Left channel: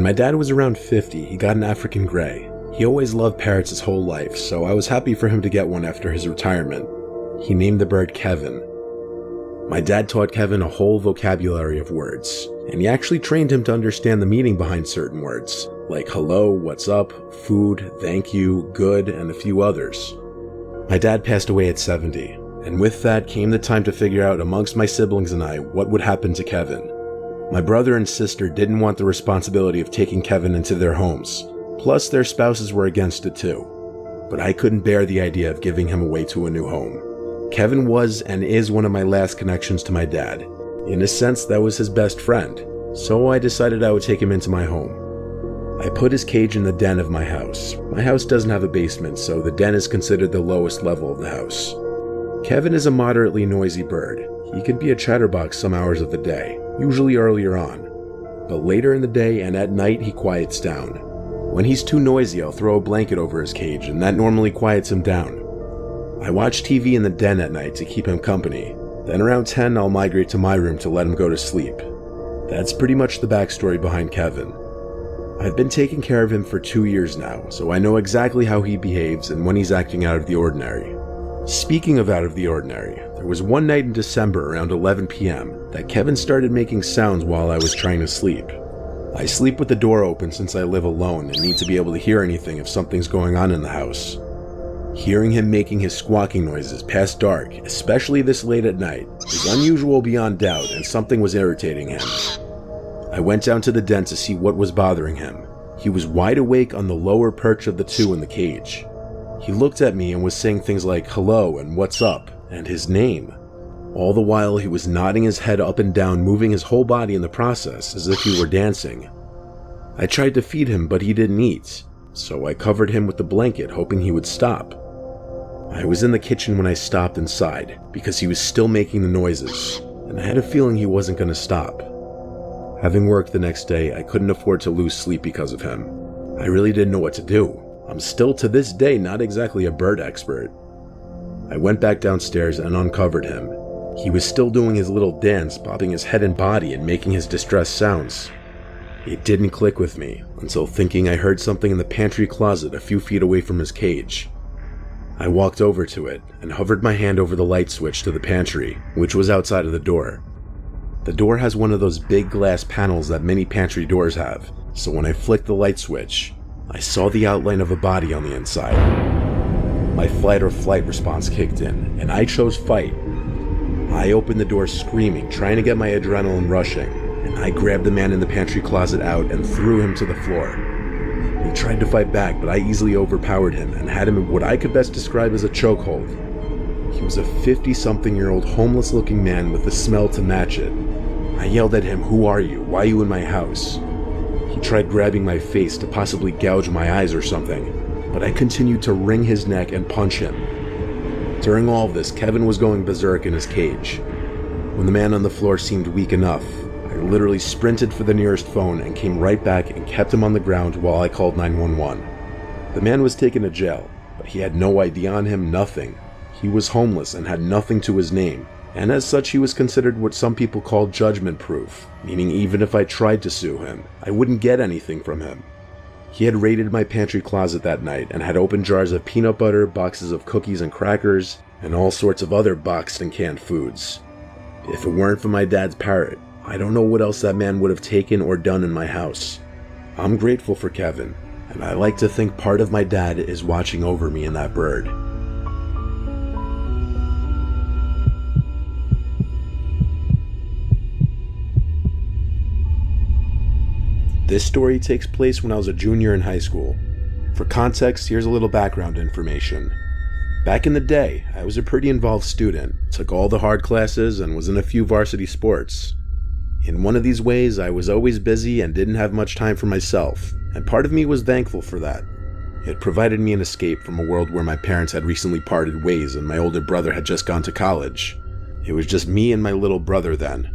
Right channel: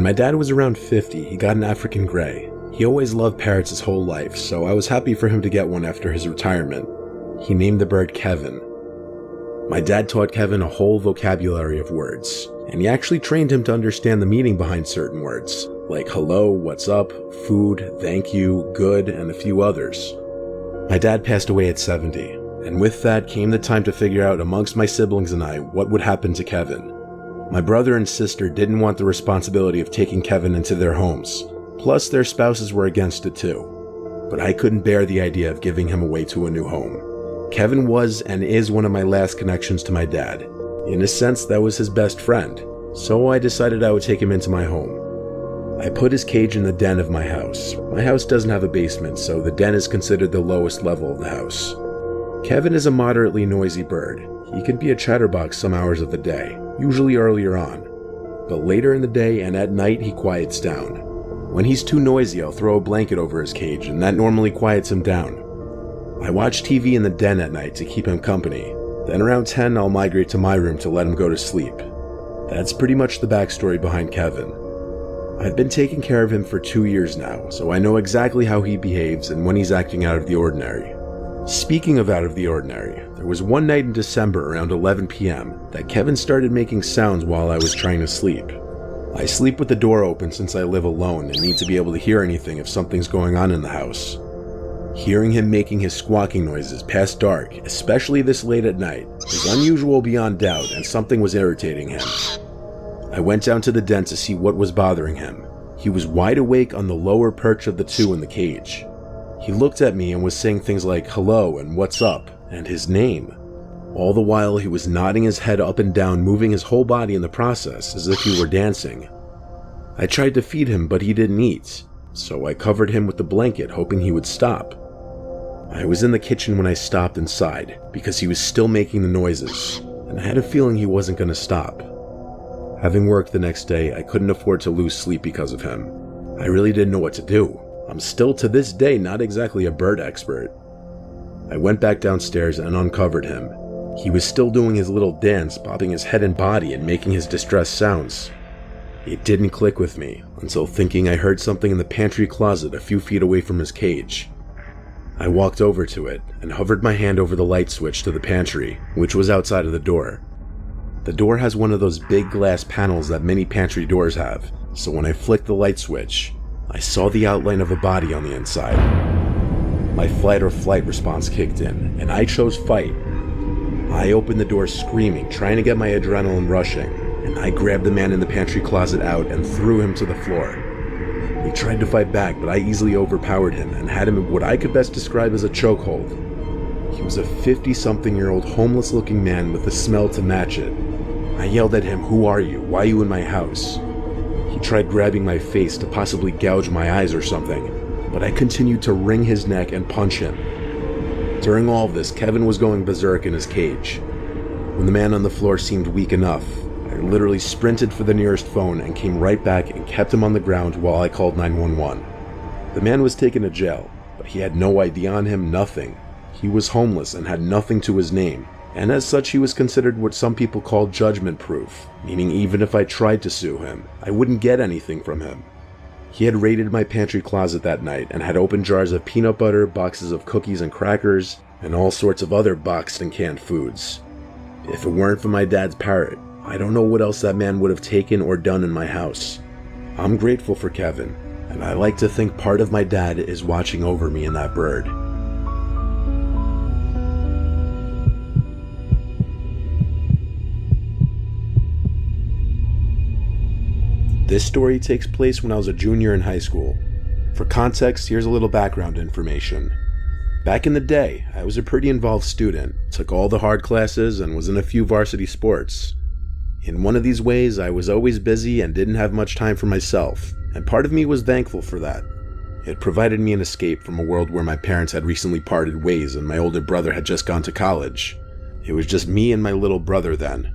When my dad was around 50, he got an African Grey. He always loved parrots his whole life, so I was happy for him to get one after his retirement. He named the bird Kevin. My dad taught Kevin a whole vocabulary of words, and he actually trained him to understand the meaning behind certain words, like hello, what's up, food, thank you, good, and a few others. My dad passed away at 70, and with that came the time to figure out amongst my siblings and I what would happen to Kevin. My brother and sister didn't want the responsibility of taking Kevin into their homes, plus their spouses were against it too. But I couldn't bear the idea of giving him away to a new home. Kevin was and is one of my last connections to my dad. In a sense, that was his best friend, so I decided I would take him into my home. I put his cage in the den of my house. My house doesn't have a basement, so the den is considered the lowest level of the house. Kevin is a moderately noisy bird. He can be a chatterbox some hours of the day, usually earlier on. But later in the day and at night he quiets down. When he's too noisy, I'll throw a blanket over his cage, and that normally quiets him down. I watch TV in the den at night to keep him company. Then around 10, I'll migrate to my room to let him go to sleep. That's pretty much the backstory behind Kevin. I've been taking care of him for 2 years now, so I know exactly how he behaves and when he's acting out of the ordinary. Speaking of out of the ordinary, there was one night in December around 11 p.m. that Kevin started making sounds while I was trying to sleep. I sleep with the door open since I live alone and need to be able to hear anything if something's going on in the house. Hearing him making his squawking noises past dark, especially this late at night, is unusual beyond doubt, and something was irritating him. I went down to the den to see what was bothering him. He was wide awake on the lower perch of the two in the cage. He looked at me and was saying things like hello and what's up and his name. All the while he was nodding his head up and down, moving his whole body in the process as if he were dancing. I tried to feed him, but he didn't eat, so I covered him with the blanket, hoping he would stop. I was in the kitchen when I stopped inside because he was still making the noises, and I had a feeling he wasn't going to stop. Having work the next day, I couldn't afford to lose sleep because of him. I really didn't know what to do. I'm still to this day not exactly a bird expert. I went back downstairs and uncovered him. He was still doing his little dance, bobbing his head and body and making his distressed sounds. It didn't click with me until thinking I heard something in the pantry closet a few feet away from his cage. I walked over to it and hovered my hand over the light switch to the pantry, which was outside of the door. The door has one of those big glass panels that many pantry doors have, so when I flicked the light switch, I saw the outline of a body on the inside. My fight or flight response kicked in, and I chose fight. I opened the door screaming, trying to get my adrenaline rushing, and I grabbed the man in the pantry closet out and threw him to the floor. He tried to fight back, but I easily overpowered him and had him in what I could best describe as a chokehold. He was a 50-something-year-old homeless-looking man with a smell to match it. I yelled at him, "Who are you? Why are you in my house?" He tried grabbing my face to possibly gouge my eyes or something, but I continued to wring his neck and punch him. During all of this, Kevin was going berserk in his cage. When the man on the floor seemed weak enough, I literally sprinted for the nearest phone and came right back and kept him on the ground while I called 911. The man was taken to jail, but he had no ID on him, nothing. He was homeless and had nothing to his name, and as such he was considered what some people call judgment-proof, meaning even if I tried to sue him, I wouldn't get anything from him. He had raided my pantry closet that night and had opened jars of peanut butter, boxes of cookies and crackers, and all sorts of other boxed and canned foods. If it weren't for my dad's parrot, I don't know what else that man would have taken or done in my house. I'm grateful for Kevin, and I like to think part of my dad is watching over me and that bird. This story takes place when I was a junior in high school. For context, here's a little background information. Back in the day, I was a pretty involved student, took all the hard classes, and was in a few varsity sports. In one of these ways, I was always busy and didn't have much time for myself, and part of me was thankful for that. It provided me an escape from a world where my parents had recently parted ways and my older brother had just gone to college. It was just me and my little brother then.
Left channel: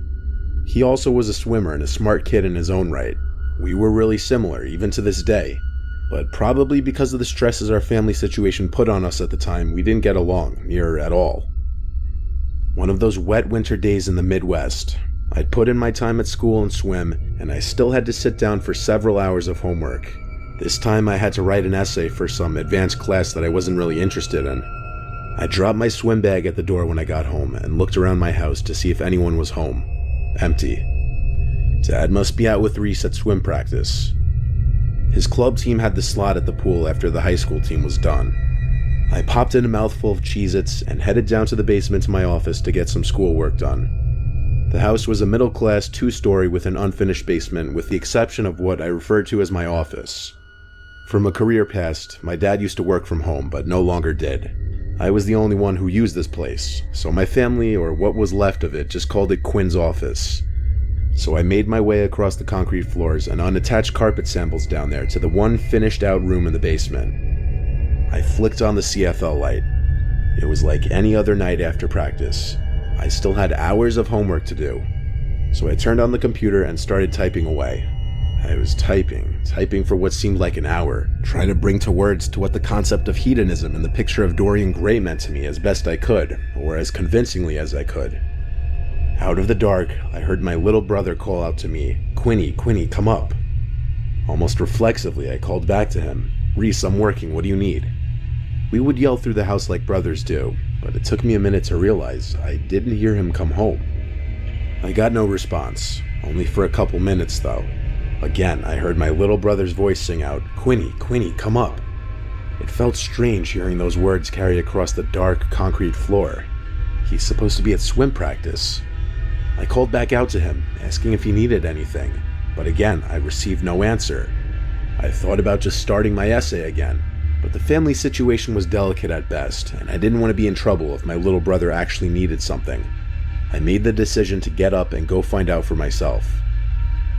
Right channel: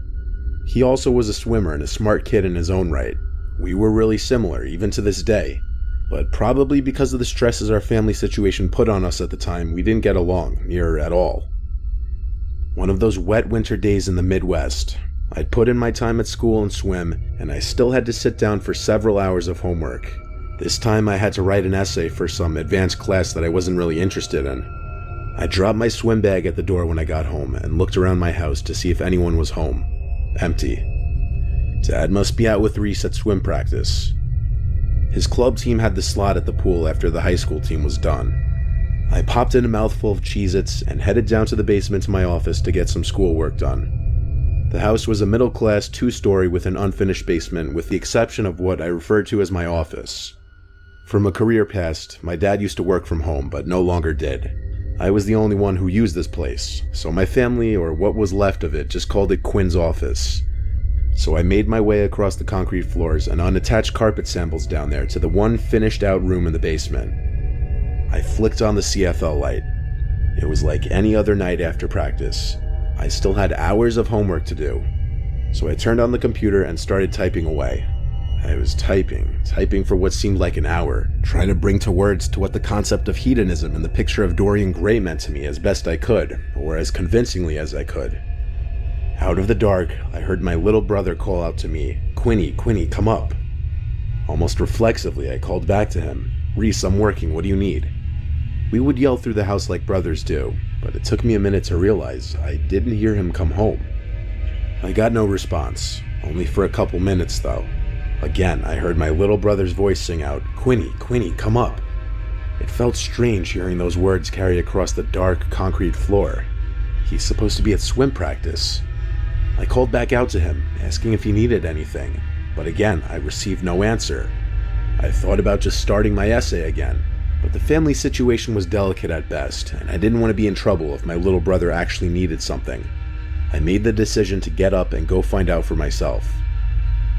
He also was a swimmer and a smart kid in his own right. We were really similar, even to this day, but probably because of the stresses our family situation put on us at the time, we didn't get along, near at all. One of those wet winter days in the Midwest, I'd put in my time at school and swim, and I still had to sit down for several hours of homework. This time I had to write an essay for some advanced class that I wasn't really interested in. I dropped my swim bag at the door when I got home and looked around my house to see if anyone was home. Empty. Dad must be out with Reese at swim practice. His club team had the slot at the pool after the high school team was done. I popped in a mouthful of Cheez-Its and headed down to the basement to my office to get some schoolwork done. The house was a middle-class 2-story with an unfinished basement, with the exception of what I referred to as my office. From a career past, my dad used to work from home, but no longer did. I was the only one who used this place, so my family, or what was left of it, just called it Quinn's office. So I made my way across the concrete floors and unattached carpet samples down there to the one finished-out room in the basement. I flicked on the CFL light. It was like any other night after practice. I still had hours of homework to do. So I turned on the computer and started typing away. I was typing for what seemed like an hour, trying to bring to words to what the concept of hedonism and the picture of Dorian Gray meant to me as best I could, or as convincingly as I could. Out of the dark, I heard my little brother call out to me, "Quinny, Quinny, come up." Almost reflexively, I called back to him, "Reese, I'm working, what do you need?" We would yell through the house like brothers do, but it took me a minute to realize I didn't hear him come home. I got no response, only for a couple minutes though. Again, I heard my little brother's voice sing out, "Quinny, Quinny, come up." It felt strange hearing those words carry across the dark, concrete floor. He's supposed to be at swim practice. I called back out to him, asking if he needed anything, but again, I received no answer. I thought about just starting my essay again, but the family situation was delicate at best, and I didn't want to be in trouble if my little brother actually needed something. I made the decision to get up and go find out for myself.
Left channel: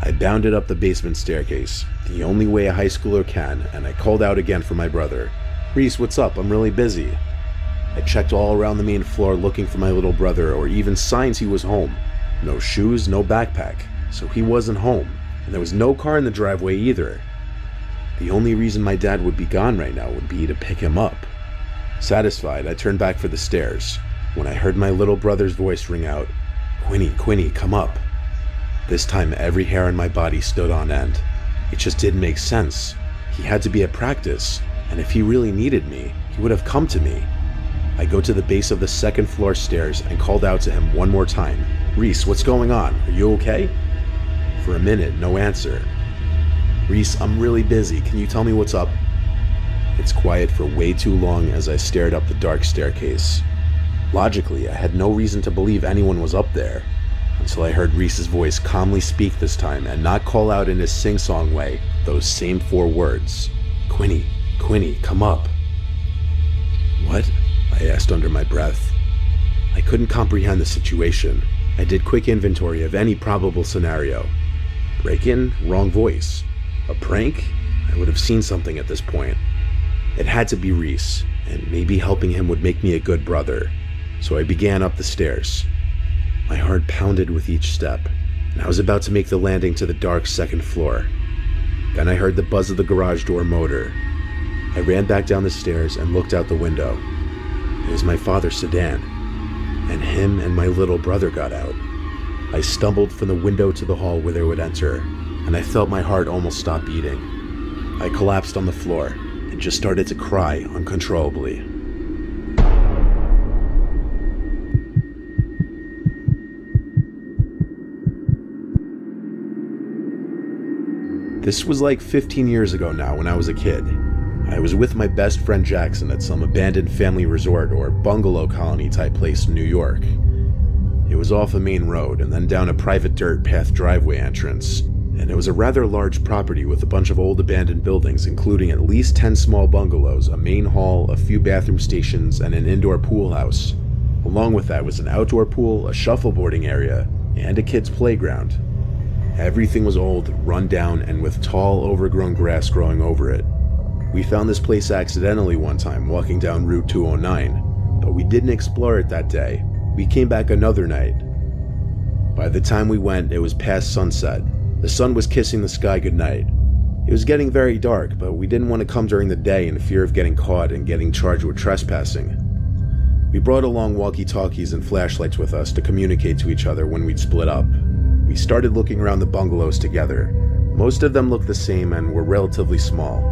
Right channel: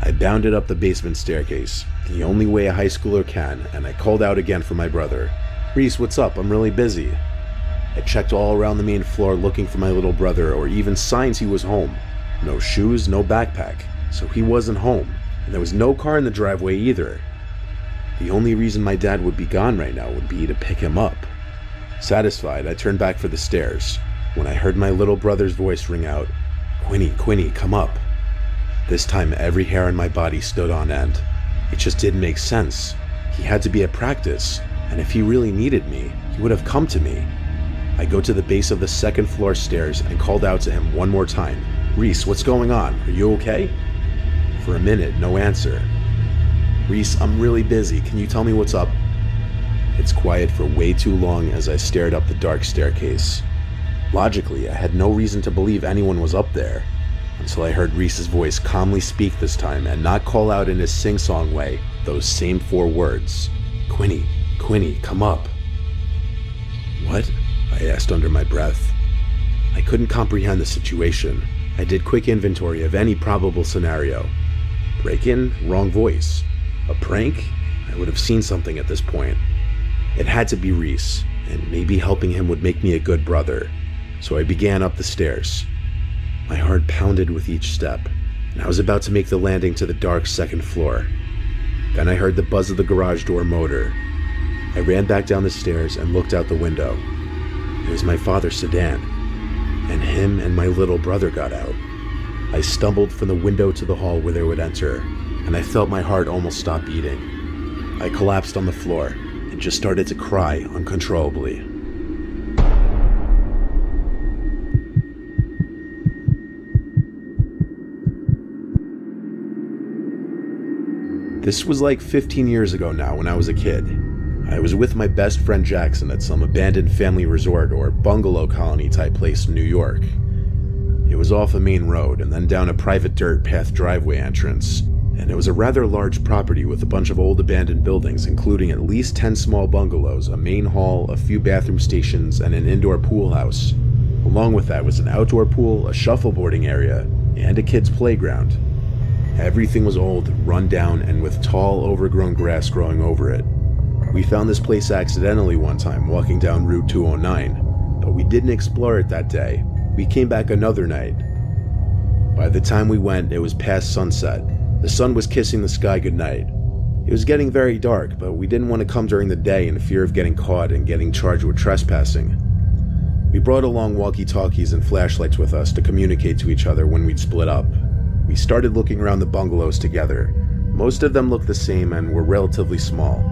I bounded up the basement staircase, the only way a high schooler can, and I called out again for my brother. "Reese, what's up? I'm really busy." I checked all around the main floor looking for my little brother, or even signs he was home. No shoes, no backpack, so he wasn't home, and there was no car in the driveway either. The only reason my dad would be gone right now would be to pick him up. Satisfied, I turned back for the stairs, when I heard my little brother's voice ring out, "Quinny, Quinny, come up." This time every hair on my body stood on end. It just didn't make sense. He had to be at practice, and if he really needed me, he would have come to me. I go to the base of the second floor stairs and called out to him one more time, "Reese, what's going on? Are you okay?" For a minute, no answer. "Reese, I'm really busy. Can you tell me what's up?" It's quiet for way too long as I stared up the dark staircase. Logically, I had no reason to believe anyone was up there, until I heard Reese's voice calmly speak this time and not call out in his sing-song way those same 4 words. "Quinny, Quinny, come up." "What?" I asked under my breath. I couldn't comprehend the situation. I did quick inventory of any probable scenario. Break-in? Wrong voice. A prank? I would have seen something at this point. It had to be Reese, and maybe helping him would make me a good brother. So I began up the stairs. My heart pounded with each step, and I was about to make the landing to the dark second floor. Then I heard the buzz of the garage door motor. I ran back down the stairs and looked out the window. It was my father's sedan, and him and my little brother got out. I stumbled from the window to the hall where they would enter, and I felt my heart almost stop beating. I collapsed on the floor and just started to cry uncontrollably. This was like 15 years ago now when I was a kid. I was with my best friend Jackson at some abandoned family resort or bungalow colony type place in New York. It was off a main road and then down a private dirt path driveway entrance, and it was a rather large property with a bunch of old abandoned buildings including at least 10 small bungalows, a main hall, a few bathroom stations, and an indoor pool house. Along with that was an outdoor pool, a shuffleboarding area, and a kid's playground. Everything was old, run down, and with tall, overgrown grass growing over it. We found this place accidentally one time walking down Route 209, but we didn't explore it that day. We came back another night. By the time we went, it was past sunset. The sun was kissing the sky goodnight. It was getting very dark, but we didn't want to come during the day in fear of getting caught and getting charged with trespassing. We brought along walkie-talkies and flashlights with us to communicate to each other when we'd split up. We started looking around the bungalows together. Most of them looked the same and were relatively small.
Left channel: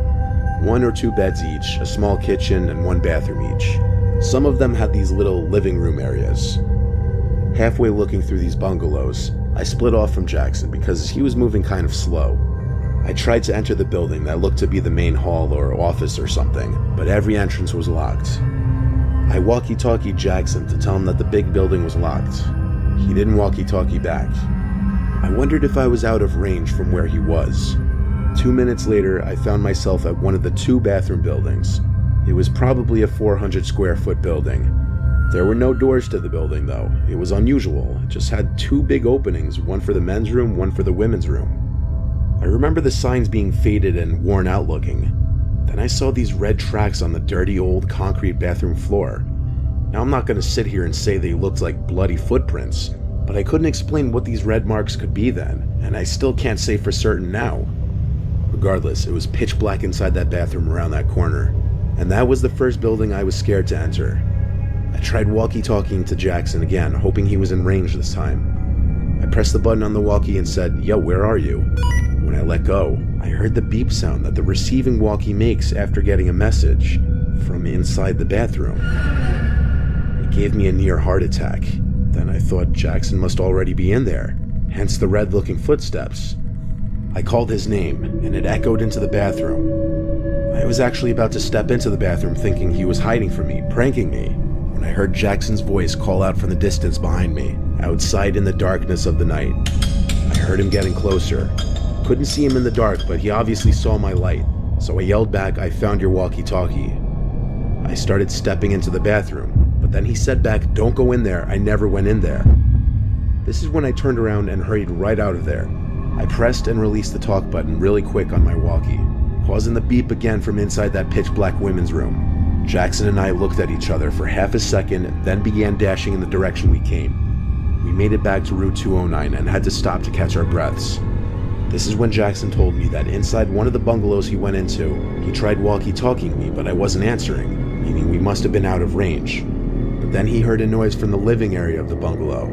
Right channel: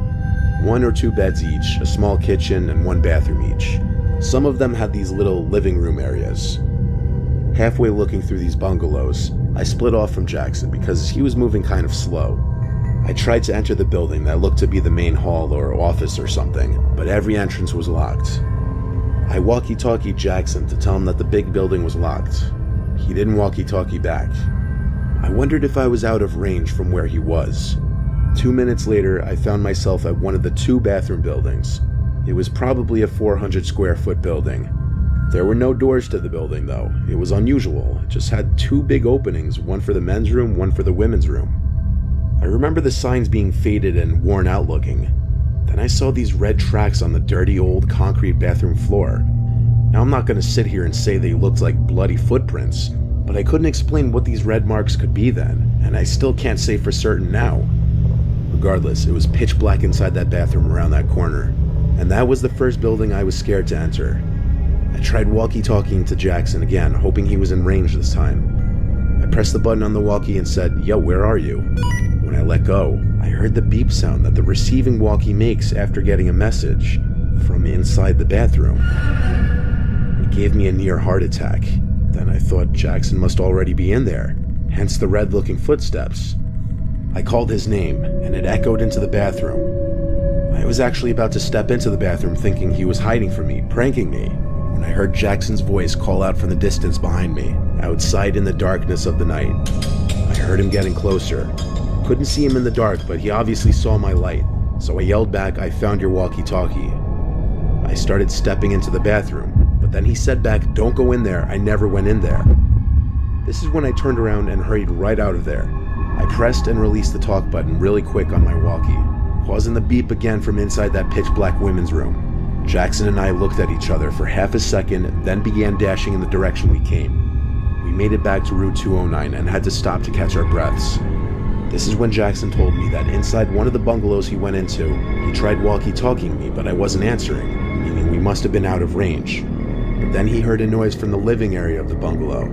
1 or 2 beds each, a small kitchen, and 1 bathroom each. Some of them had these little living room areas. Halfway looking through these bungalows, I split off from Jackson because he was moving kind of slow. I tried to enter the building that looked to be the main hall or office or something, but every entrance was locked. I walkie-talkied Jackson to tell him that the big building was locked. He didn't walkie-talkie back. I wondered if I was out of range from where he was. 2 minutes later, I found myself at one of the 2 bathroom buildings. It was probably a 400 square foot building. There were no doors to the building though. It was unusual. It just had 2 big openings, one for the men's room, one for the women's room. I remember the signs being faded and worn out looking. Then I saw these red tracks on the dirty old concrete bathroom floor. Now I'm not going to sit here and say they looked like bloody footprints, but I couldn't explain what these red marks could be then, and I still can't say for certain now. Regardless, it was pitch black inside that bathroom around that corner, and that was the first building I was scared to enter. I tried walkie-talkieing to Jackson again, hoping he was in range this time. I pressed the button on the walkie and said, "Yo, where are you?" When I let go, I heard the beep sound that the receiving walkie makes after getting a message from inside the bathroom. It gave me a near heart attack. Then I thought Jackson must already be in there, hence the red-looking footsteps. I called his name, and it echoed into the bathroom. I was actually about to step into the bathroom thinking he was hiding from me, pranking me, when I heard Jackson's voice call out from the distance behind me, outside in the darkness of the night. I heard him getting closer. Couldn't see him in the dark, but he obviously saw my light, so I yelled back, "I found your walkie-talkie." I started stepping into the bathroom, but then he said back, "Don't go in there, I never went in there." This is when I turned around and hurried right out of there. I pressed and released the talk button really quick on my walkie, causing the beep again from inside that pitch-black women's room. Jackson and I looked at each other for half a second, then began dashing in the direction we came. We made it back to Route 209 and had to stop to catch our breaths. This is when Jackson told me that inside one of the bungalows he went into, he tried walkie-talkieing me, but I wasn't answering, meaning we must have been out of range. But then he heard a noise from the living area of the bungalow.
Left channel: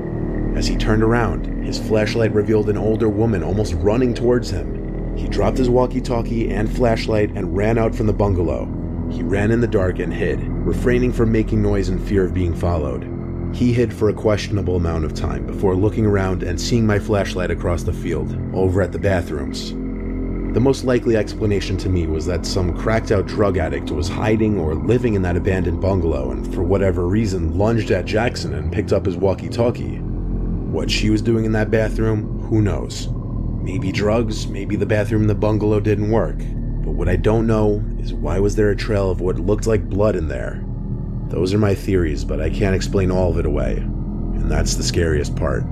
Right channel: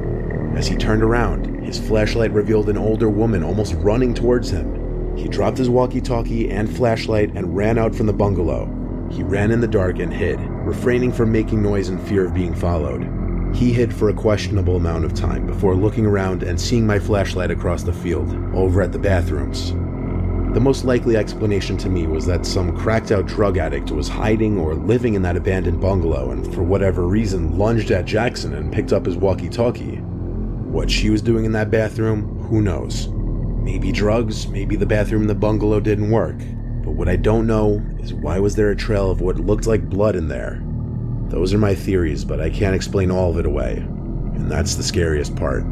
As he turned around, his flashlight revealed an older woman almost running towards him. He dropped his walkie-talkie and flashlight and ran out from the bungalow. He ran in the dark and hid, refraining from making noise in fear of being followed. He hid for a questionable amount of time before looking around and seeing my flashlight across the field, over at the bathrooms. The most likely explanation to me was that some cracked-out drug addict was hiding or living in that abandoned bungalow and for whatever reason lunged at Jackson and picked up his walkie-talkie. What she was doing in that bathroom, who knows? Maybe drugs, maybe the bathroom in the bungalow didn't work. But what I don't know is why was there a trail of what looked like blood in there? Those are my theories, but I can't explain all of it away. And that's the scariest part.